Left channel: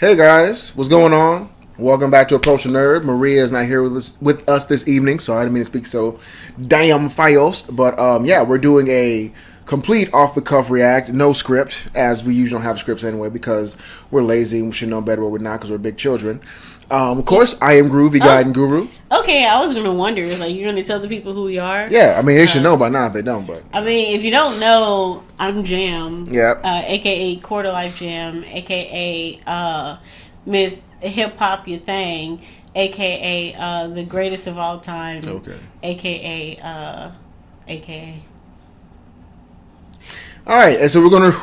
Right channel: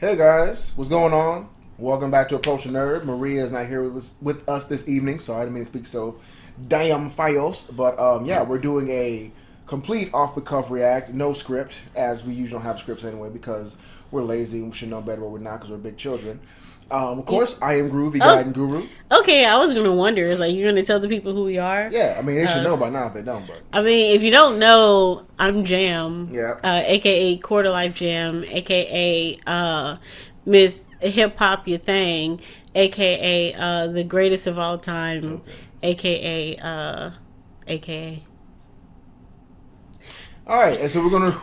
Hey guys, what's going on? Welcome back to Approach the Nerd. Maria is not here with us this evening, so I didn't mean to speak so damn fast. But yeah, we're doing a complete off-the-cuff react, no script, as we usually don't have scripts anyway because we're lazy and we should know better what we're not because we're big children. Of course, I am Groovy Guide and Guru. Okay, I was gonna wonder, like, you're gonna tell the people who we are? Yeah, I mean they should know by now if they don't. But I mean, if you don't know, I'm Jam. Yeah. AKA Quater Life Jam. AKA Miss Hip Hop Your Thing. AKA the greatest of all time. Okay. AKA. All right, and so we're gonna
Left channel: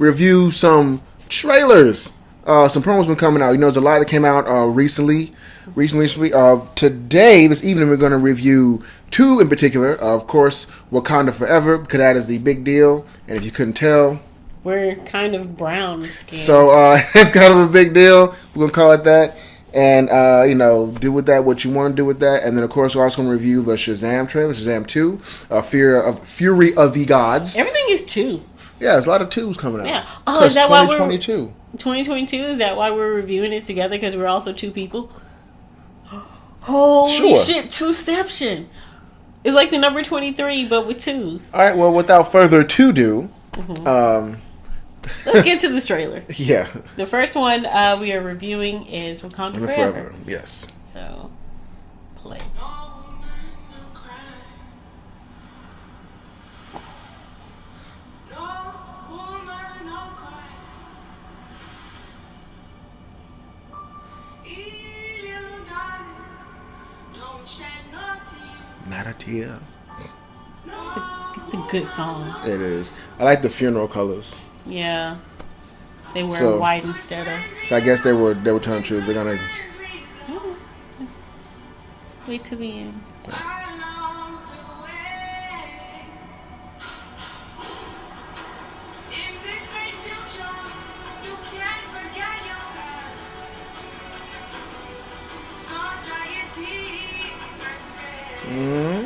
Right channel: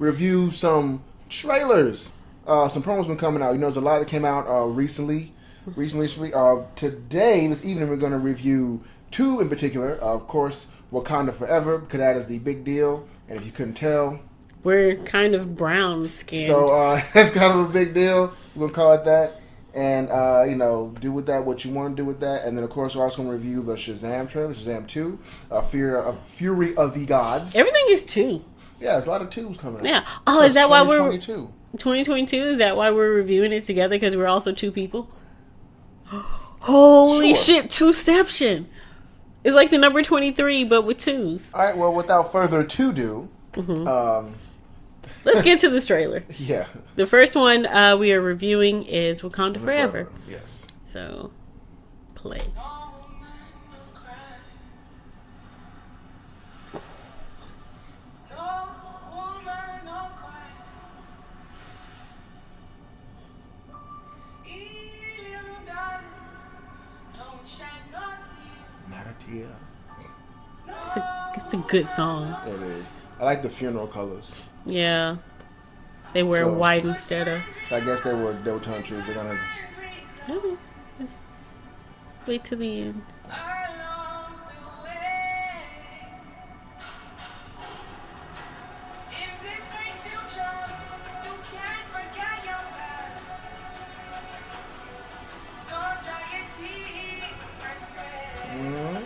review some trailers. Some promos been coming out. You know, there's a lot that came out recently. Today, this evening, we're going to review two in particular. Of course, Wakanda Forever, because that is the big deal. And if you couldn't tell, we're kind of brown skinned. So it's kind of a big deal. We're going to call it that. And, do with that what you want to do with that. And then, of course, we're also going to review the Shazam trailer, Shazam 2, Fury of the Gods. Everything is 2. Yeah, there's a lot of 2s coming out. Yeah. Oh, is that why we're 2022? Is that why we're reviewing it together? Because we're also 2 people? Holy shit, 2ception. It's like the number 23, but with 2s. All right, well, without further ado, let's get to this trailer. Yeah. The first one we are reviewing is Wakanda Forever. Yes. So, play. Not a tear. It's a good song. It is. I like the funeral colors. Yeah. They wear white instead of. So I guess they were telling the truth. They're gonna. Wait till the end. Mm-hmm.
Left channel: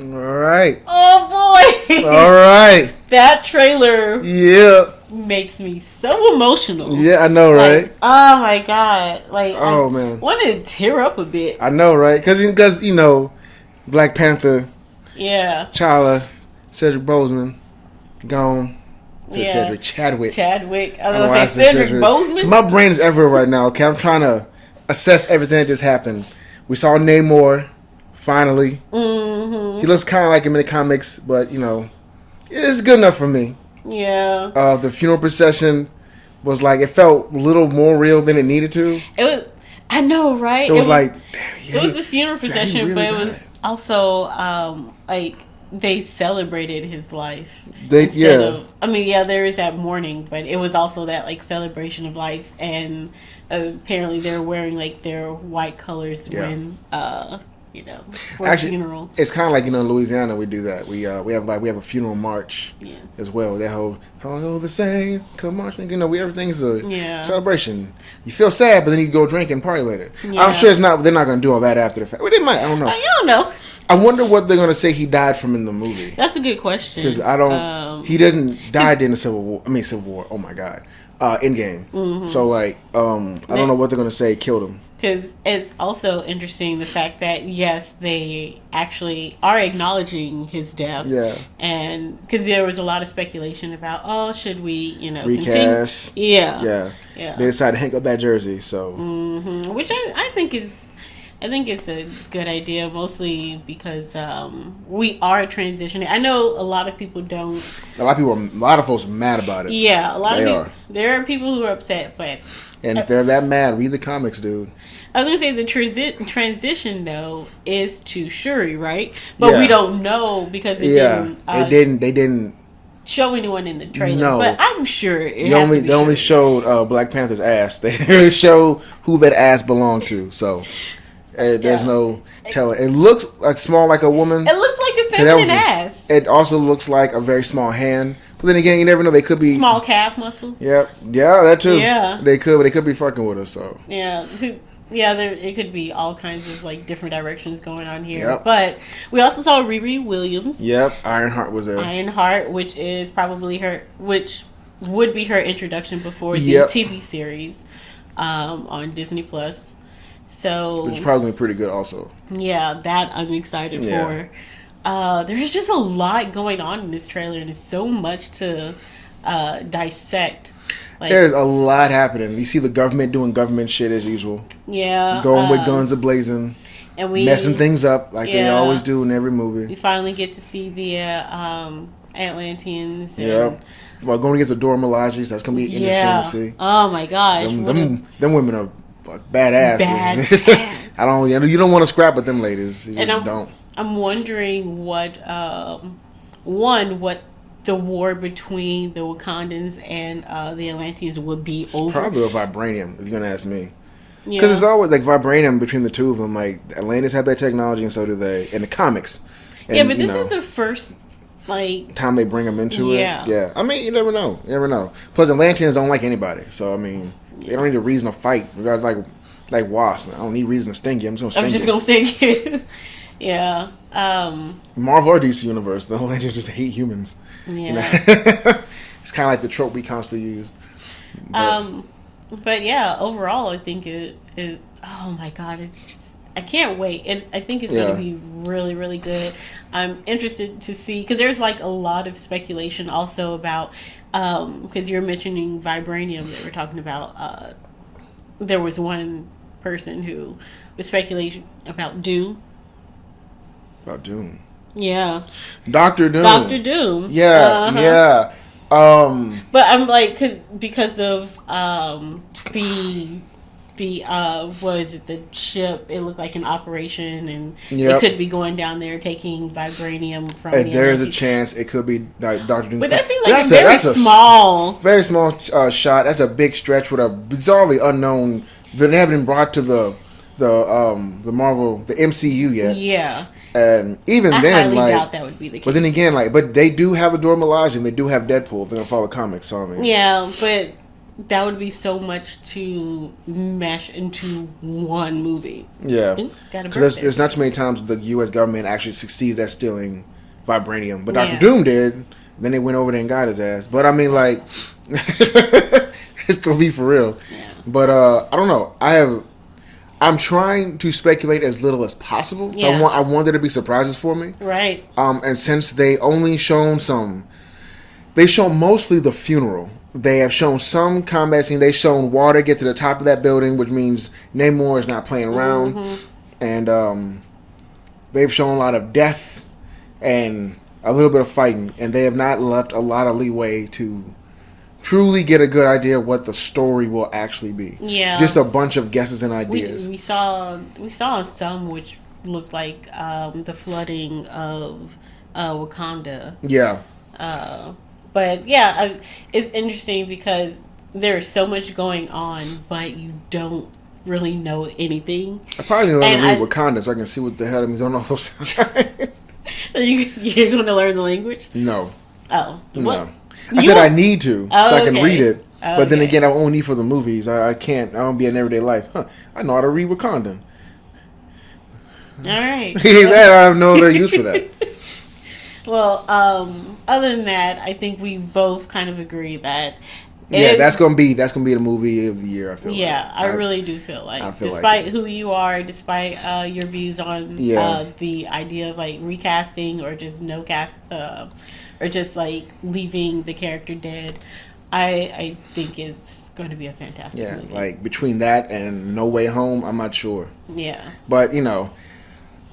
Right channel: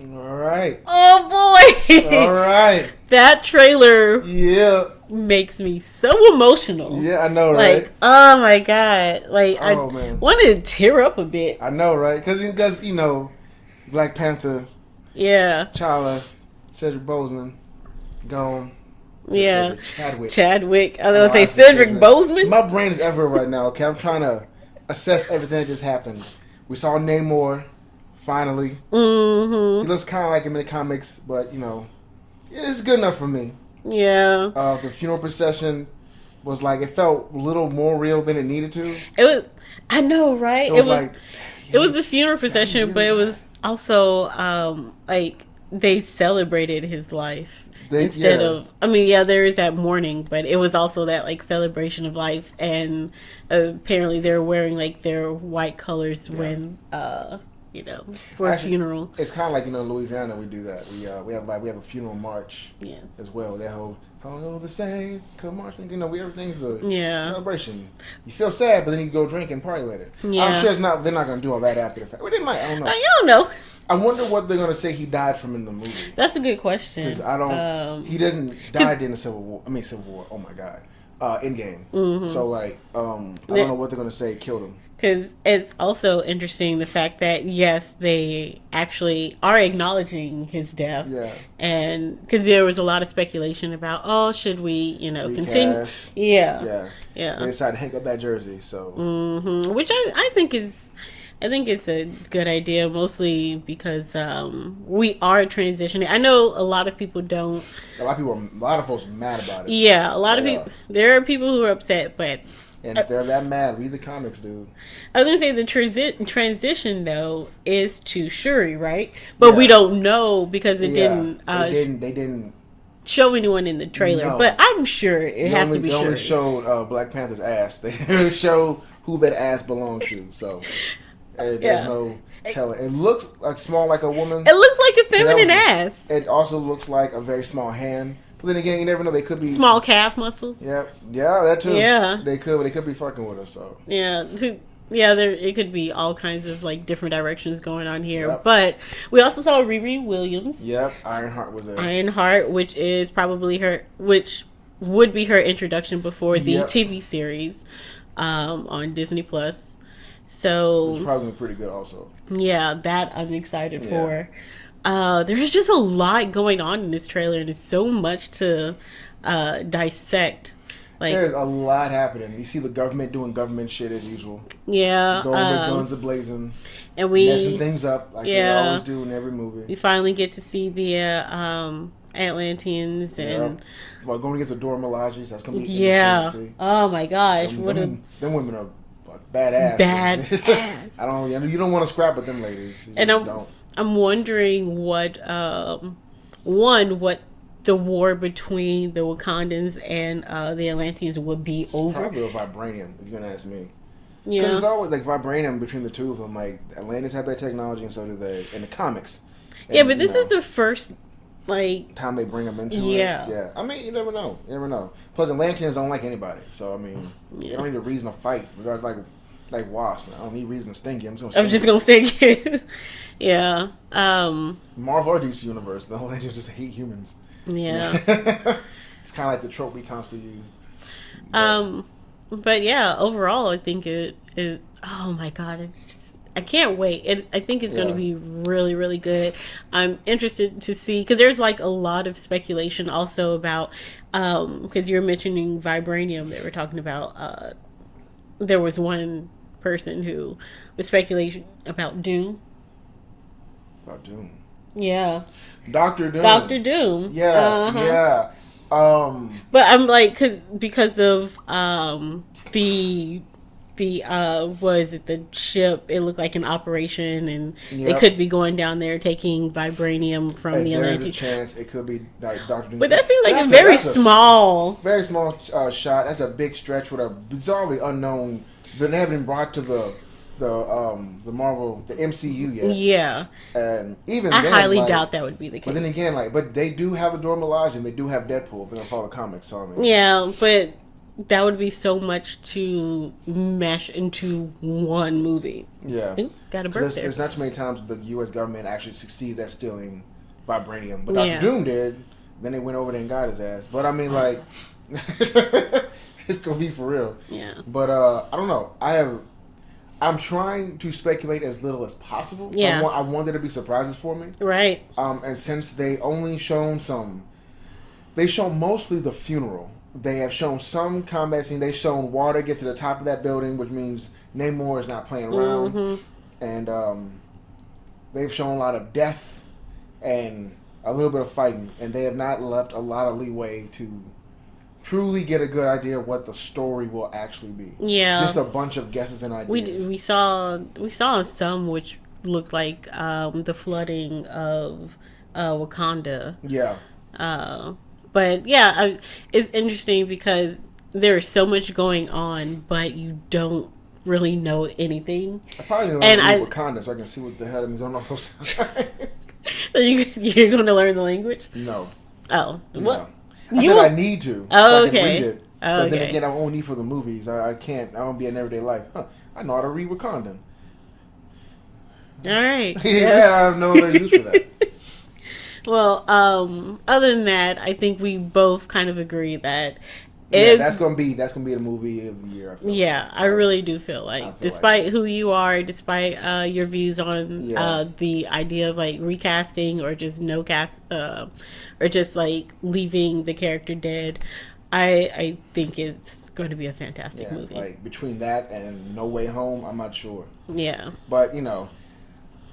All right. Oh boy. All right. That trailer. Yeah. Makes me so emotional. Yeah, I know, right? Like, oh my god! Like, man, wanted to tear up a bit. I know, right? Because Black Panther. Yeah. T'Challa, Cedric Boseman, gone. Yeah. Chadwick. I was gonna say Cedric Boseman. My brain is everywhere right now. Okay, I'm trying to assess everything that just happened. We saw Namor. Finally. Mm-hmm. He looks kind of like him in the comics, but, it's good enough for me. Yeah. The funeral procession was like, it felt a little more real than it needed to. I know, right? It was like... It was a funeral procession, really, but it was also, like, they celebrated his life. There is that mourning, but it was also that, like, celebration of life, and apparently they were wearing, like, their white colors when for a funeral. It's kind of like, in Louisiana, we do that. We have a funeral march as well. That whole the same, come marching. Everything's a celebration. You feel sad, but then you go drink and party later. Yeah. I'm sure they're not going to do all that after the fact. Well, they might. I don't know. I don't know. I wonder what they're going to say he died from in the movie. That's a good question. Because he didn't die in the Civil War. Civil War. Oh my God. Endgame. Mm-hmm. So I don't know what they're going to say killed him. Because it's also interesting the fact that, yes, they actually are acknowledging his death. Yeah. And because there was a lot of speculation about, should we, recast? Continue? Yeah. They decided to hang up that jersey, so. Mm-hmm. Which I think it's a good idea, mostly because we are transitioning. I know a lot of people don't. A lot of folks are mad about it. Yeah, a lot of people. There are people who are upset, but. And if they're that mad, read the comics, dude. I was going to say the transition, though, is to Shuri, right? But we don't know because they didn't show anyone in the trailer. No. But I'm sure it has to be They only showed Black Panther's ass. They didn't show who that ass belonged to. So there's no telling. It looks small like a woman. It looks like a feminine ass. It also looks like a very small hand. But then again, you never know. They could be small calf muscles. Yeah, that too. Yeah, they could be fucking with us. So it could be all kinds of different directions going on here. Yep. But we also saw Riri Williams. Yep, Ironheart was there. Ironheart, which is probably which would be her introduction before the TV series on Disney Plus. So which is probably pretty good, also. Yeah, that I'm excited for. There's just a lot going on in this trailer, and it's so much to dissect. There's a lot happening. You see the government doing government shit as usual. Yeah. Going with guns a-blazing. And messing things up like they always do in every movie. We finally get to see the Atlanteans. And We're going against the Dora Milajes. That's going to be interesting to see. Oh my gosh. Them women are badass. You don't want to scrap with them ladies. You just don't. I'm wondering what the war between the Wakandans and the Atlanteans would be over. Probably with vibranium, if you're gonna ask me. Because it's always vibranium between the two of them. Atlantis have that technology, and so do they in the comics. And, but this is the first time they bring them into it. Yeah. I mean, you never know. Plus, Atlanteans don't like anybody, so they don't need a reason to fight. Regardless, like Wasp, I don't need reason to sting you. I'm just gonna sting you. Yeah. Marvel or DC Universe, the Atlanteans just hate humans. Yeah. It's kind of like the trope we constantly use. But overall, I think it is. Oh my God! I can't wait. I think it's going to be really, really good. I'm interested to see because there's a lot of speculation also about because you're mentioning vibranium that we're talking about. There was one person who was speculating about Doom. About Doom. Yeah. Doctor Doom. Yeah. But I'm because of the the ship, it looked like an operation, and it could be going down there taking vibranium from the there is a chance it could be Doctor Doom. But that seems like very small shot. That's a big stretch with a bizarrely unknown that haven't been brought to the Marvel, the MCU yet. Yeah. And even then, I highly doubt that would be the case. But then again, but they do have the Dora Milaje and they do have Deadpool. They're gonna follow the comics, so I mean. Yeah, but that would be so much to mesh into one movie. Yeah. Because there's not too many times the U.S. government actually succeeded at stealing vibranium, but Dr. Doom did. Then they went over there and got his ass. But I mean, it's gonna be for real. Yeah. But I don't know. I'm trying to speculate as little as possible. So I want there to be surprises for me. Right. And since they only shown they shown mostly the funeral. They have shown some combat scene. They've shown water get to the top of that building, which means Namor is not playing around. Mm-hmm. And they've shown a lot of death and a little bit of fighting. And they have not left a lot of leeway to truly get a good idea of what the story will actually be. Yeah. Just a bunch of guesses and ideas. We saw some which looked like the flooding of Wakanda. Yeah. But it's interesting because there's so much going on, but you don't really know anything. I probably need to learn to read Wakanda so I can see what the hell it means on all those signs. So you're going to learn the language? No. Oh. No. I said I need to so I can read it. But then again, I only need for the movies. I can't. I don't be in everyday life. I know how to read Wakandan. All right. I have no other use for that. Well, other than that, I think we both kind of agree that. That's gonna be the movie of the year. I feel. Yeah, I really do feel like, despite who you are, despite your views on the idea of like recasting or just no cast, or just like leaving the character dead, I think it's going to be a fantastic movie. Like between that and No Way Home, I'm not sure. Yeah, but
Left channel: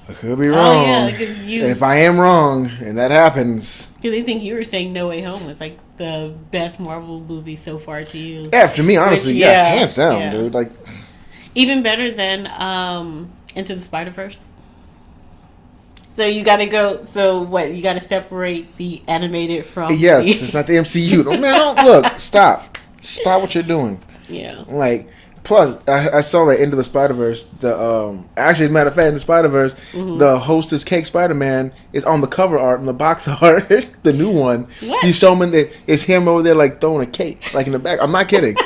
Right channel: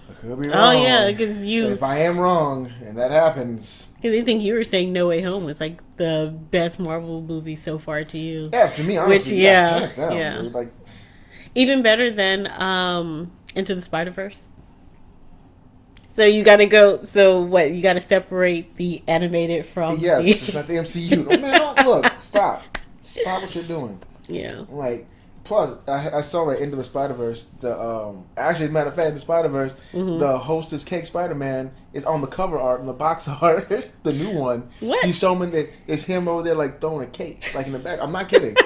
I could be wrong. Oh yeah, because and if I am wrong and that happens, because I think you were saying No Way Home was like the best Marvel movie so far to you. Yeah, to me, honestly, hands down, dude. Like even better than Into the Spider-Verse. So you got to go. So what? You got to separate the animated from. Yes, it's not the MCU. No, man, don't look. Stop what you're doing. Yeah. Like. Plus, I saw that Into the Spider-Verse. Actually, matter of fact, in the Spider-Verse, the Hostess Cake Spider-Man is on the cover art, in the box art, the new one. What? You show him that it's him over there, like throwing a cake, like in the back. I'm not kidding.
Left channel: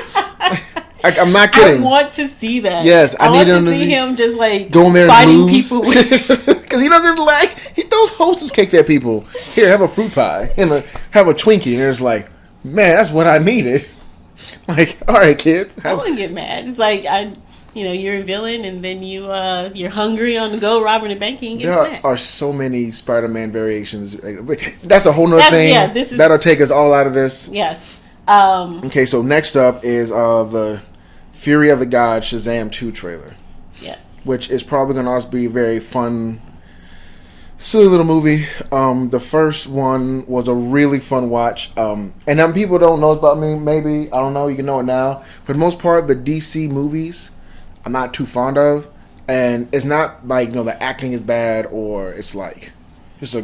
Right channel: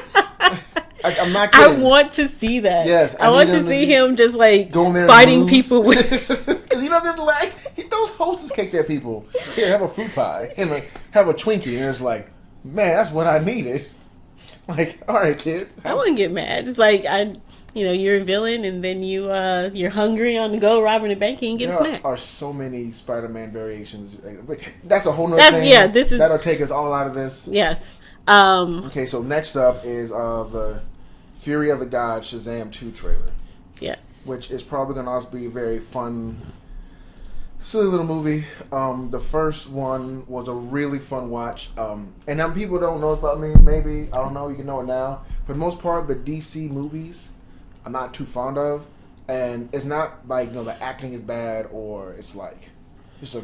I'm not kidding. I want to see that. Yes, I want to see him just like going there fighting people because he doesn't he throws Hostess cakes at people. Here, have a fruit pie and have a Twinkie, and it's like, man, that's what I needed. Like, all right, kid. I wouldn't get mad. It's like you're a villain, and then you're hungry on the go, robbing a bank, and you get a snack. There are so many Spider-Man variations. That's a whole nother thing. Yeah, that'll take us all out of this. Yes. Okay, so next up is the Fury of the Gods Shazam 2 trailer. Yes. Which is probably going to also be a very fun, silly little movie. The first one was a really fun watch. And then people don't know about me, maybe. I don't know. You can know it now. For the most part, the DC movies, I'm not too fond of. And it's not like, the acting is bad or it's like just they're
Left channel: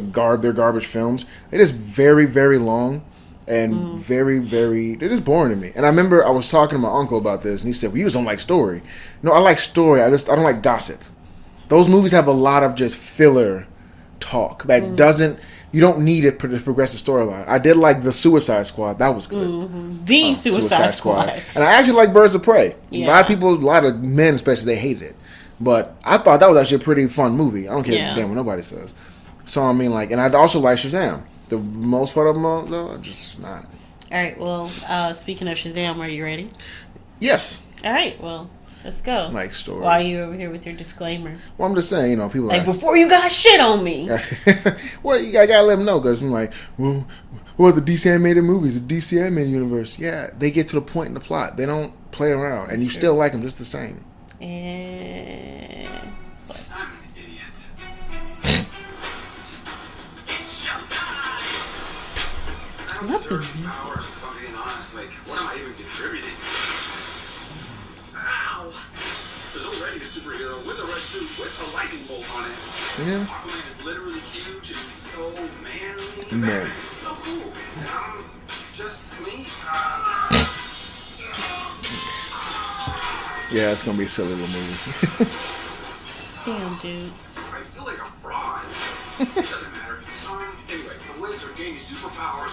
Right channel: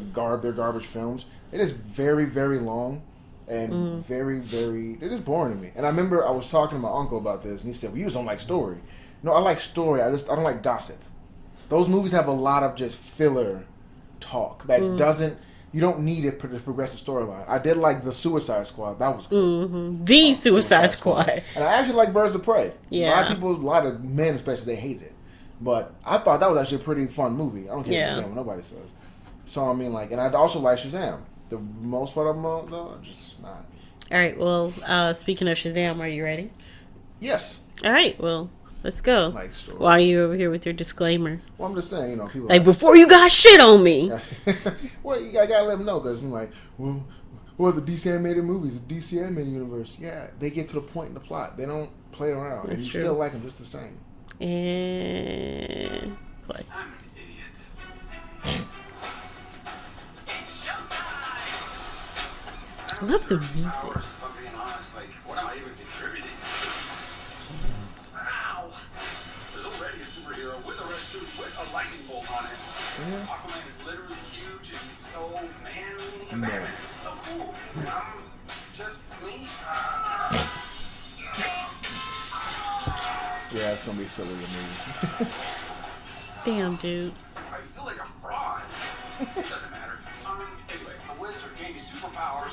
garbage films. It is very, very long and very, very, it is boring to me. And I remember I was talking to my uncle about this and he said, well, you just don't like story. No, I like story. I don't like gossip. Those movies have a lot of just filler talk that doesn't. You don't need a progressive storyline. I did like the Suicide Squad. That was good. The Suicide Squad. And I actually like Birds of Prey. Yeah. A lot of men especially, they hated it. But I thought that was actually a pretty fun movie. I don't care damn what nobody says. So I mean, and I also like Shazam. The most part of them, though, are just not. All right. Well, speaking of Shazam, are you ready? Yes. All right. Well, let's go. Like story. Why are you over here with your disclaimer? Well, I'm just saying, people like before you got shit on me. Well, you gotta let them know because I'm like, well, what are the DC animated movies, the DC animated universe? Yeah, they get to the point in the plot. They don't play around, and you still like them just the same. And what? I'm an idiot. I love the music. If I'm being honest, what am I even contributing? Ow! There's already a superhero with a red suit with a lightning bolt on it. Yeah. Aquaman is literally huge and so manly. Man. It's so cool. Just me. Yeah, it's gonna be a silly little movie. Damn, dude. I feel like a fraud. It doesn't matter. Anyway, the wizard gave me superpowers.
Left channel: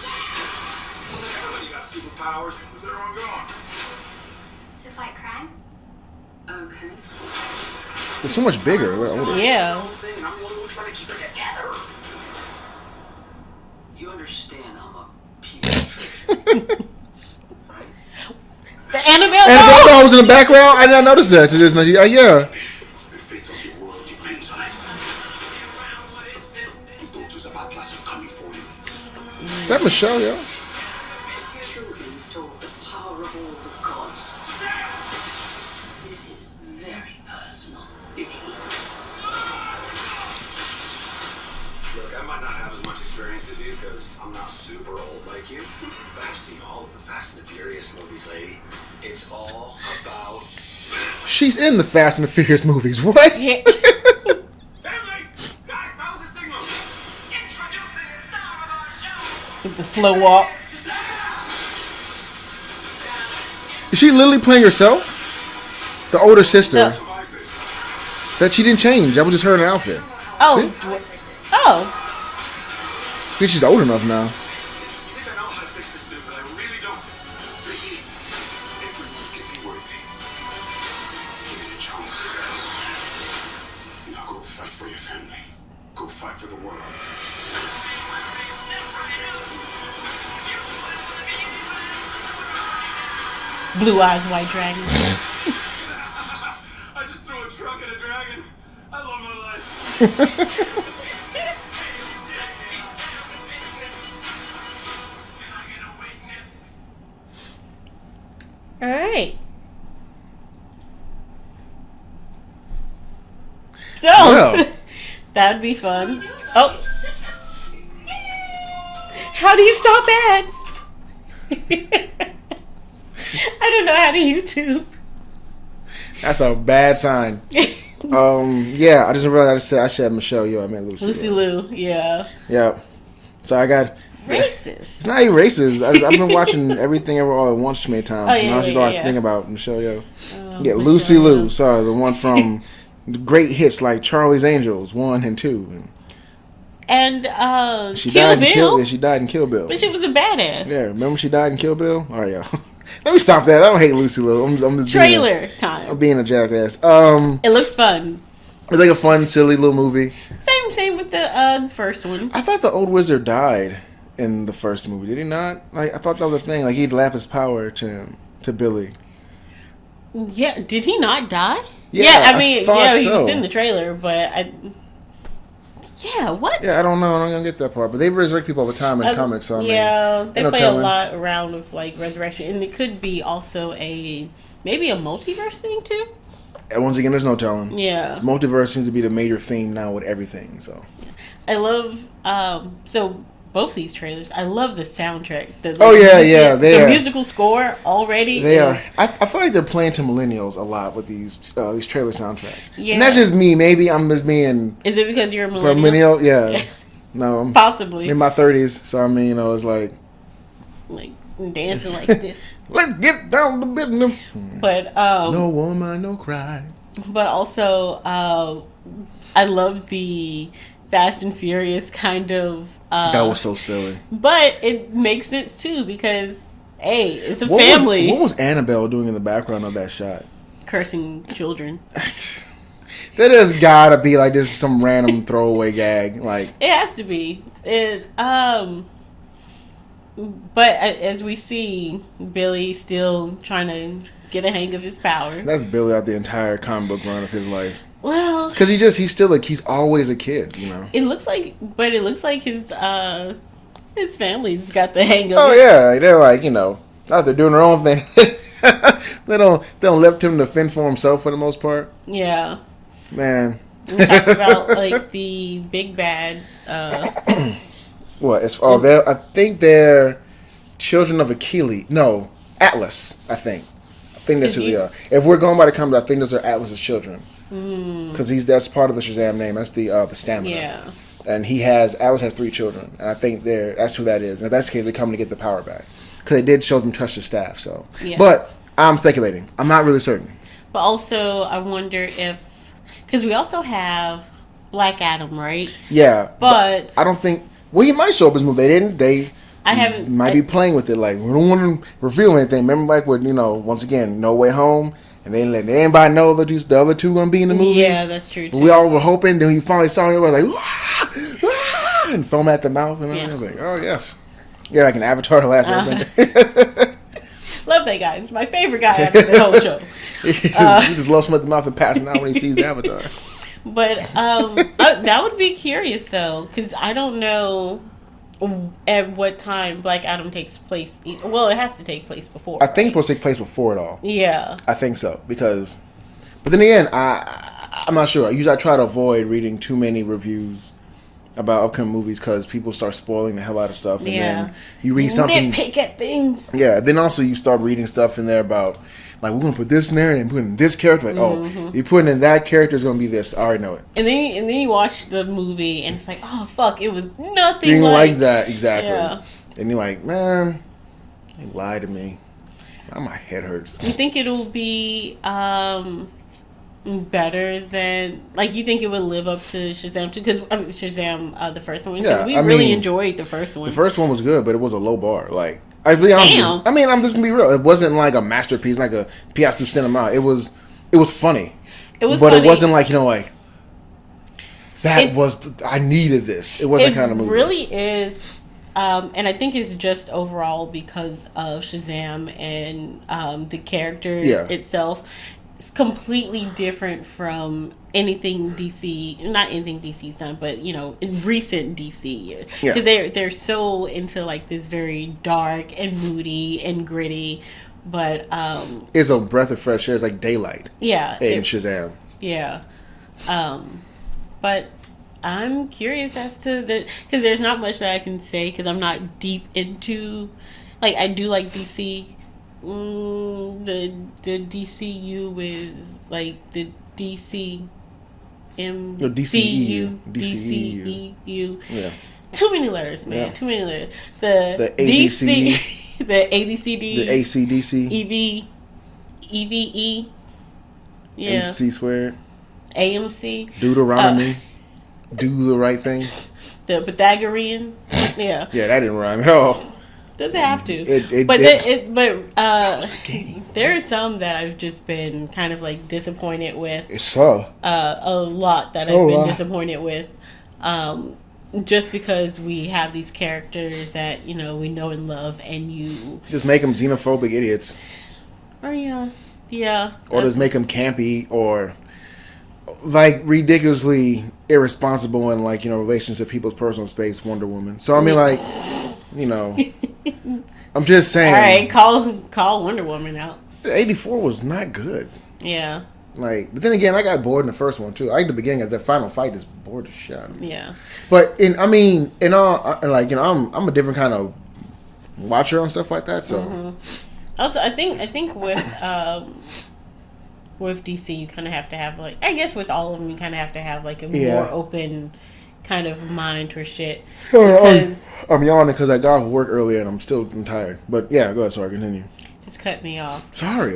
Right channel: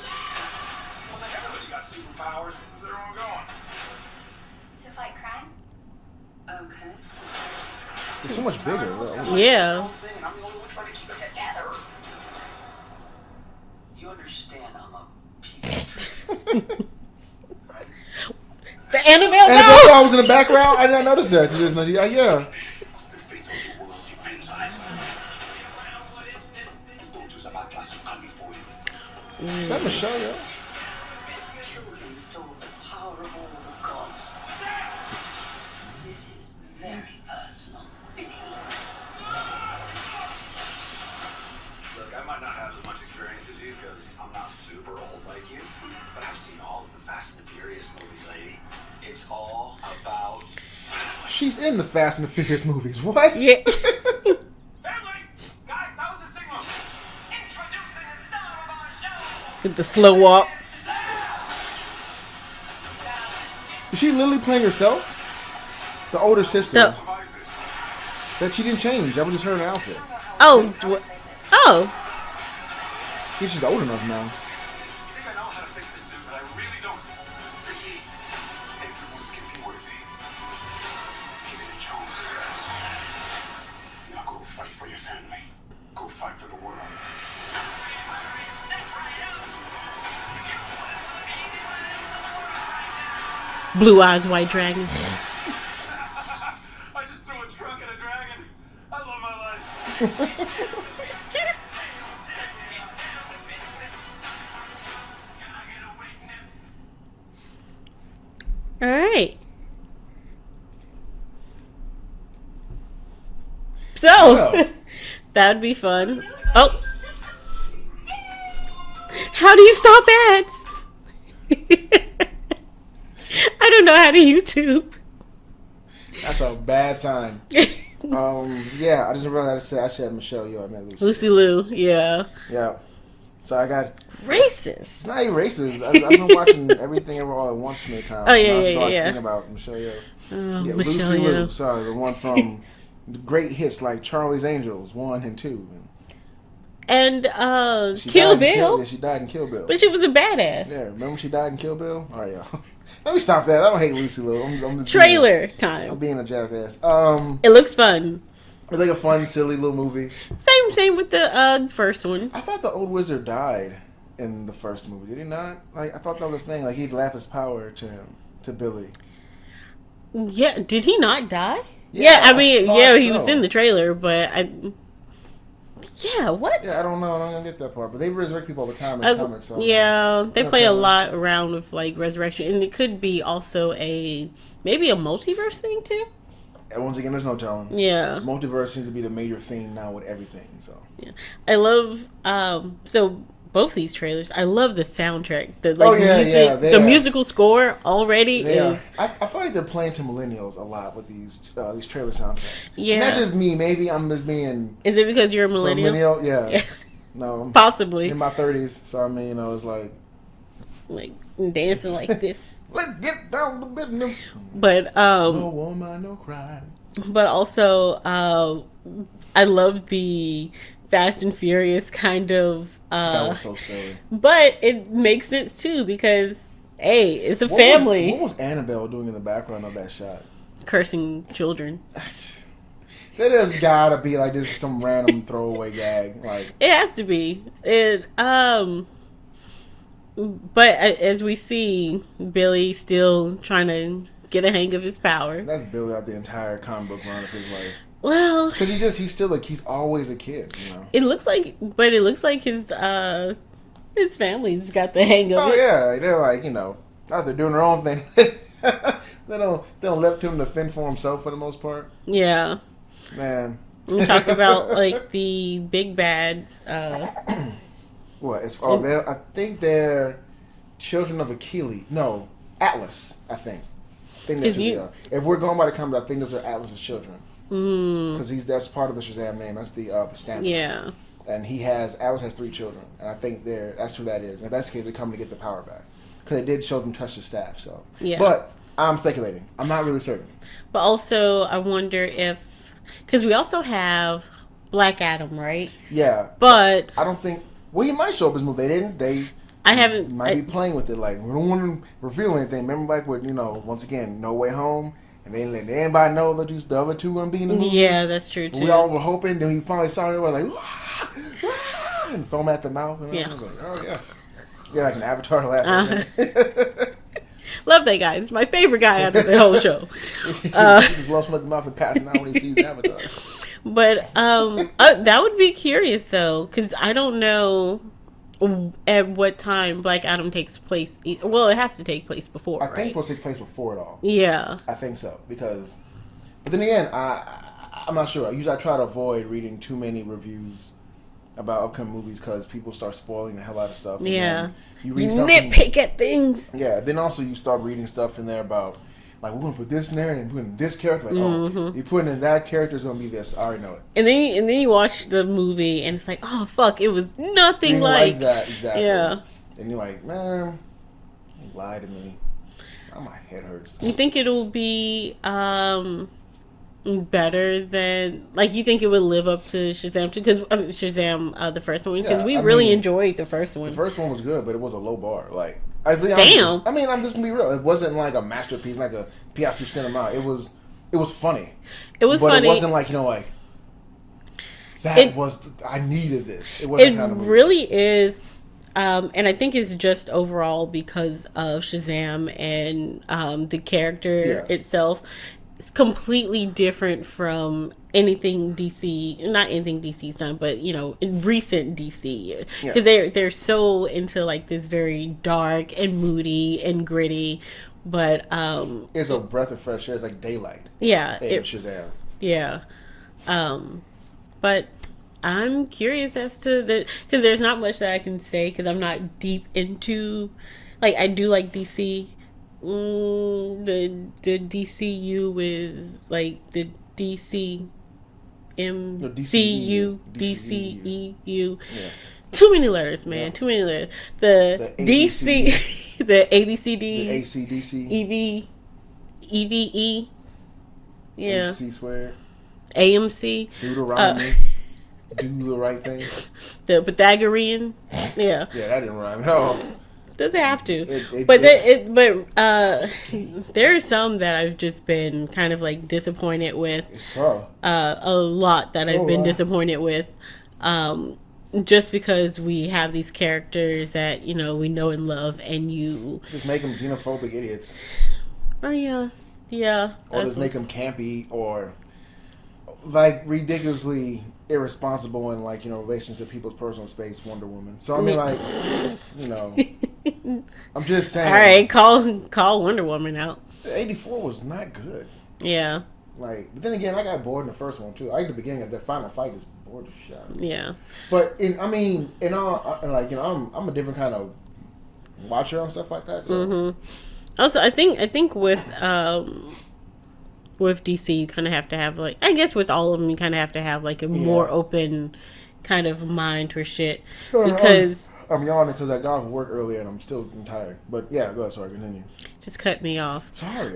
Well, then everybody got superpowers. Where's everyone going? To fight crime? Okay. It's so much bigger. Yeah. And I'm the only one trying to keep it together. You understand I'm a pediatrician, right? The Annabelle Annabelle was in the background. I didn't notice that. Yeah. The fate of the world depends on it. The doctors of Atlas are coming for you. Is that Michelle, yeah? Children stole the power of all the gods. This is very personal. Look, I might not have as much experience as you because I'm not super old like you, but I've seen all of the Fast and the Furious movies, lady. It's all about... She's in the Fast and the Furious movies. What? Yeah. Family! Guys, that was a signal. Introducing the star of our show. With the slow walk. Is she literally playing herself? The older sister. Survive this. That she didn't change. That was just her in her outfit. Oh, See? oh, I think she's old enough now. You think I know how to fix this dude, but I really don't. Everyone can be worthy. Give it a chance. Now go fight for your family. Go fight for the world. Blue Eyes White Dragon. I just threw a truck at a dragon. I love my life. All right. So Wow. that would be fun. Oh, how do you stop ads? I don't know how to YouTube. That's a bad sign. Yeah, I just realized I said Michelle Yeoh. I meant Lucy. Lucy Liu, yeah. Yeah. So I got. Racist. It's not even racist. I've been watching everything ever all at once too many times. Oh, yeah, now I just yeah, don't yeah. think about Michelle Yeoh. Yeah, Michelle Lucy Yeoh. Liu. Sorry, the one from the great hits like Charlie's Angels 1 and 2. And She Kill died Bill. in Kill. Yeah, she died in Kill Bill. But she was a badass. Yeah, remember she died in Kill Bill? All right, y'all. Let me stop that. I don't hate Lucy Liu. I'm just Trailer I'm time. being a jackass. It looks fun. It's like a fun, silly little movie. Same with the first one. I thought the old wizard died in the first movie. Did he not? Like I thought that was a thing. Like he'd lap his power to Billy. Yeah, did he not die? Yeah, I mean, I thought yeah, he so. was in the trailer, but what? Yeah, I don't know. I'm gonna get that part. But they resurrect people all the time in comics. So I mean, yeah, they no play a telling. lot around with like resurrection, and it could be also maybe a multiverse thing too. And once again, there's no telling. Yeah, Multiverse seems to be the major theme now with everything. So I love so both these trailers. I love the soundtrack. The they are. musical score already. they is, are. I feel like they're playing to millennials a lot with these trailer soundtracks. Yeah. And that's just me. Maybe I'm just being Is it because you're a a millennial? millennial. Yeah. No, I'm Possibly. in my 30s. So I mean, it's like Like dancing like this. let's get down to business. But No woman, no cry. but also I love the Fast and Furious kind of That was so silly. but it makes sense too because hey, it's a family. What was Annabelle doing in the background of that shot? Cursing children. That has gotta be like just some random throwaway gag. Like It has to be. But as we see, Billy still trying to get a hang of his power. that's Billy out the entire comic book run of his life. Well, Because he's still like he's always a kid, you know. it looks like his family's got the hang of Oh it. yeah, they're like out there doing their own thing. they don't let him to fend for himself for the most part. Yeah. Man, We talked about like the big bads. what? I think they're children of Achilles. No, Atlas. I think that's who they are. If we're going by the comics, I think those are Atlas's children. Because that's part of the Shazam name. That's the stamina. Yeah. And Atlas has 3 children, and I think that's who that is. And if that's the case, they're coming to get the power back because they did show them touch the staff. So, Yeah. But I'm speculating. I'm not really certain. But also, I wonder if because we also have Black Adam, right? Yeah, But I don't think. Well, he might show up in this movie. They didn't. They I haven't. might be playing with it. Like we don't want to reveal anything. Remember, like with once again, No Way Home, and they didn't let anybody know that the other two gonna be in the movie. Yeah, that's true too. We all were hoping. Then he finally saw it. Everybody was like, "Ah! Ah!" and foam at the mouth. And I was like, oh yes, yeah, like an Avatar the last one. Love that guy. It's my favorite guy out of the whole show. he just loves him at the mouth and passing out when he sees the Avatar. But that would be curious though, because I don't know at what time Black Adam takes place. Well, it has to take place before. I think it's right? supposed to take place before it all. Yeah. I think so but then again, I'm not sure. Usually, I try to avoid reading too many reviews about upcoming movies because people start spoiling the hell out of stuff. And then you read something. Nitpick at things. Yeah. Then also you start reading stuff in there about like we're gonna put this in there and put in this character. Like oh, you're putting in that character is gonna be this. I already know it. And then you watch the movie and it's like, oh fuck, it was nothing You like that exactly. Yeah. And you're like, man, you lied to me. My head hurts. You think it'll be better than, like, you think it would live up to Shazam 2? Because Shazam, the first one, because we really enjoyed the first one. The first one was good, but it was a low bar. Like, damn. I mean, I'm just gonna be real. It wasn't like a masterpiece, like a pièce du cinema. It was funny. It was, but funny. It wasn't like, like I needed this. It wasn't kind of movie. It really is. And I think it's just overall because of Shazam and the character itself. It's completely different from anything DC, not anything DC's done, but in recent DC years, because they're so into like this very dark and moody and gritty, but it's a breath of fresh air. It's like daylight. Yeah, in Shazam. Yeah, but I'm curious as to because there's not much that I can say because I'm not deep into, like, I do like DC. The DCU is like the DCU. Yeah. Too many letters, man. Yeah. Too many letters. The ABC, DC, the ABCD, the ACDC, EVE, yeah, MC squared, AMC, Deuteronomy, do the right thing, the Pythagorean, yeah, yeah, that didn't rhyme at all. Doesn't have to, but there are some that I've just been kind of like disappointed with. A lot that I've been disappointed with, just because we have these characters that we know and love, and you just make them xenophobic idiots. Oh yeah, or just make them campy or like ridiculously irresponsible in like relations to people's personal space. Wonder Woman. So I mean, like, I'm just saying. All right, call Wonder Woman out. The 84 was not good. Yeah. Like, but then again, I got bored in the first one too. I like the beginning of the final fight is bored as shit. Yeah. But I'm a different kind of watcher and stuff like that. So. Mm-hmm. Also, I think with DC, you kind of have to have, like, I guess with all of them, you kind of have to have like a more open kind of mind for shit. Because I'm yawning because I got off work earlier and I'm tired. But yeah, go ahead. Sorry, continue. Just cut me off. Sorry.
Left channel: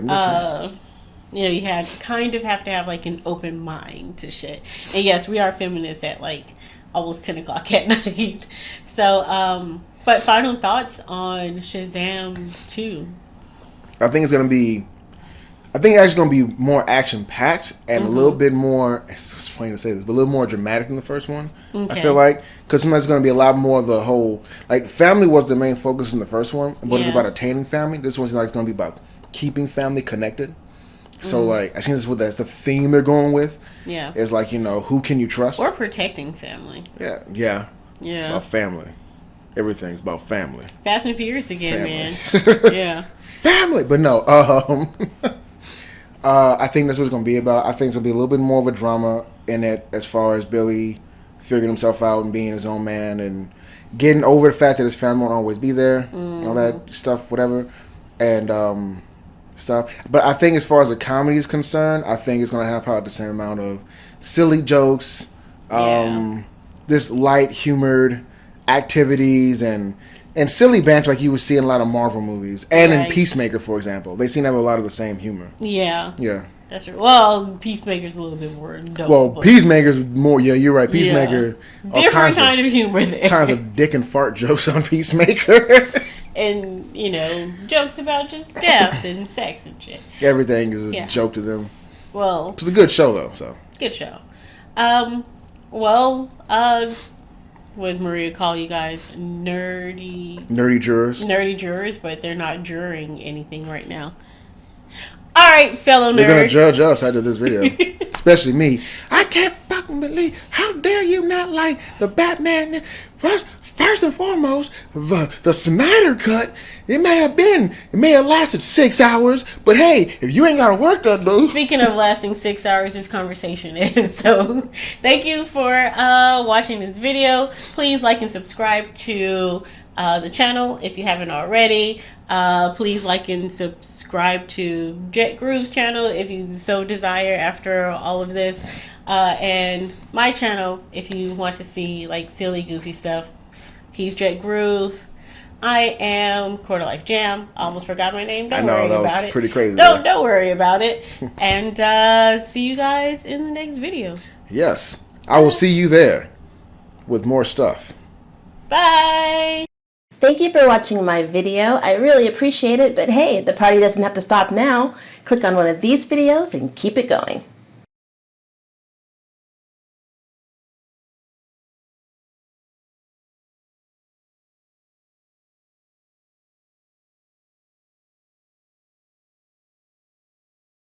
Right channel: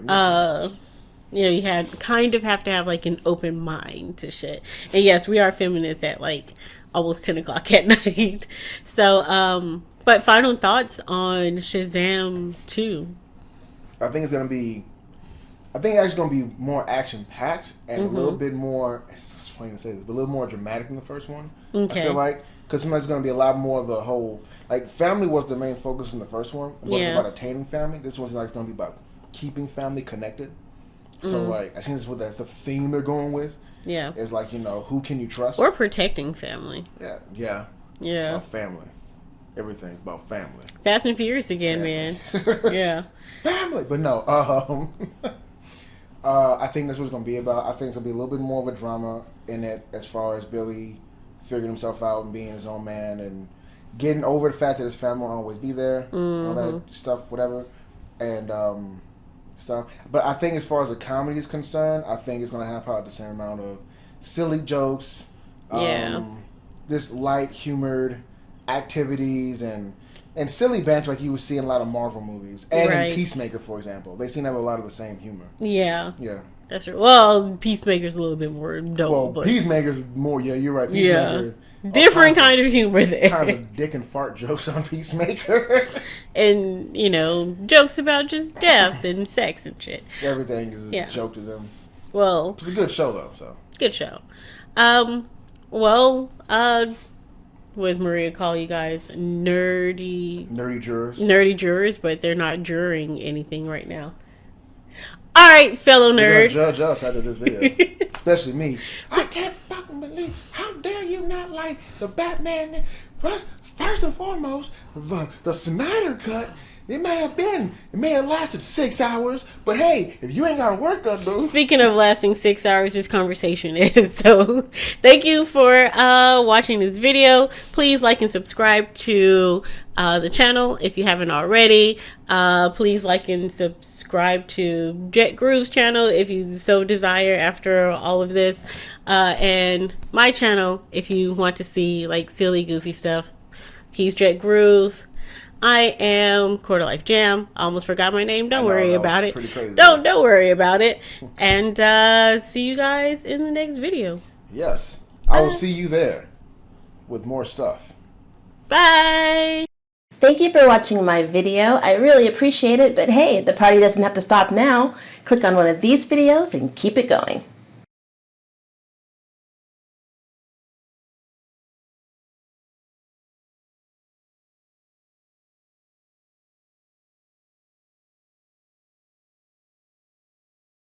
You have to have like an open mind to shit. And yes, we are feminists at like almost 10 o'clock at night. So, but final thoughts on Shazam 2? I think it's actually going to be more action-packed and a little bit more, it's funny to say this, but a little more dramatic than the first one. Okay. I feel like. Because sometimes it's going to be a lot more of the whole, like, family was the main focus in the first one, but it's about attaining family. This one's like going to be about keeping family connected. So, like, I think that's the theme they're going with. Yeah. It's like, who can you trust? Or protecting family. Yeah. About family. Everything's about family. Fast and Furious again, man. Yeah. Family! But no, I think that's what it's going to be about. I think it's going to be a little bit more of a drama in it as far as Billy figuring himself out and being his own man and getting over the fact that his family won't always be there, all that stuff, whatever, and stuff. But I think as far as the comedy is concerned, I think it's going to have probably the same amount of silly jokes, this light-humored activities, and silly banter like you would see in a lot of Marvel movies. And in Peacemaker, for example. They seem to have a lot of the same humor. Yeah. Yeah. That's true. Well, Peacemaker's a little bit more dope. Well, Peacemaker's more, you're right. Peacemaker. Yeah. Different kind of humor there. Kinds of dick and fart jokes on Peacemaker. And, jokes about just death and sex and shit. Everything is a joke to them. Well. It's a good show, though, so. Good show. What does Maria call you guys? Nerdy jurors. Nerdy jurors, but they're not juring anything right now. All right, fellow nerds. They're going to judge us after this video. Especially me. I can't fucking believe, how dare you not like the Batman. First and foremost, the Snyder Cut, it may have lasted 6 hours, but hey, if you ain't got to work that day. Speaking of lasting 6 hours, this conversation is. So, thank you for watching this video. Please like and subscribe to the channel if you haven't already. Please like and subscribe to Jet Groove's channel if you so desire after all of this. And my channel if you want to see like silly, goofy stuff. He's Jet Groove. I am Quater Life Jam. I almost forgot my name. Don't worry about it. Pretty crazy. Don't worry about it. And see you guys in the next video. Yes. I will see you there with more stuff. Bye. Thank you for watching my video. I really appreciate it, but hey, the party doesn't have to stop now. Click on one of these videos and keep it going.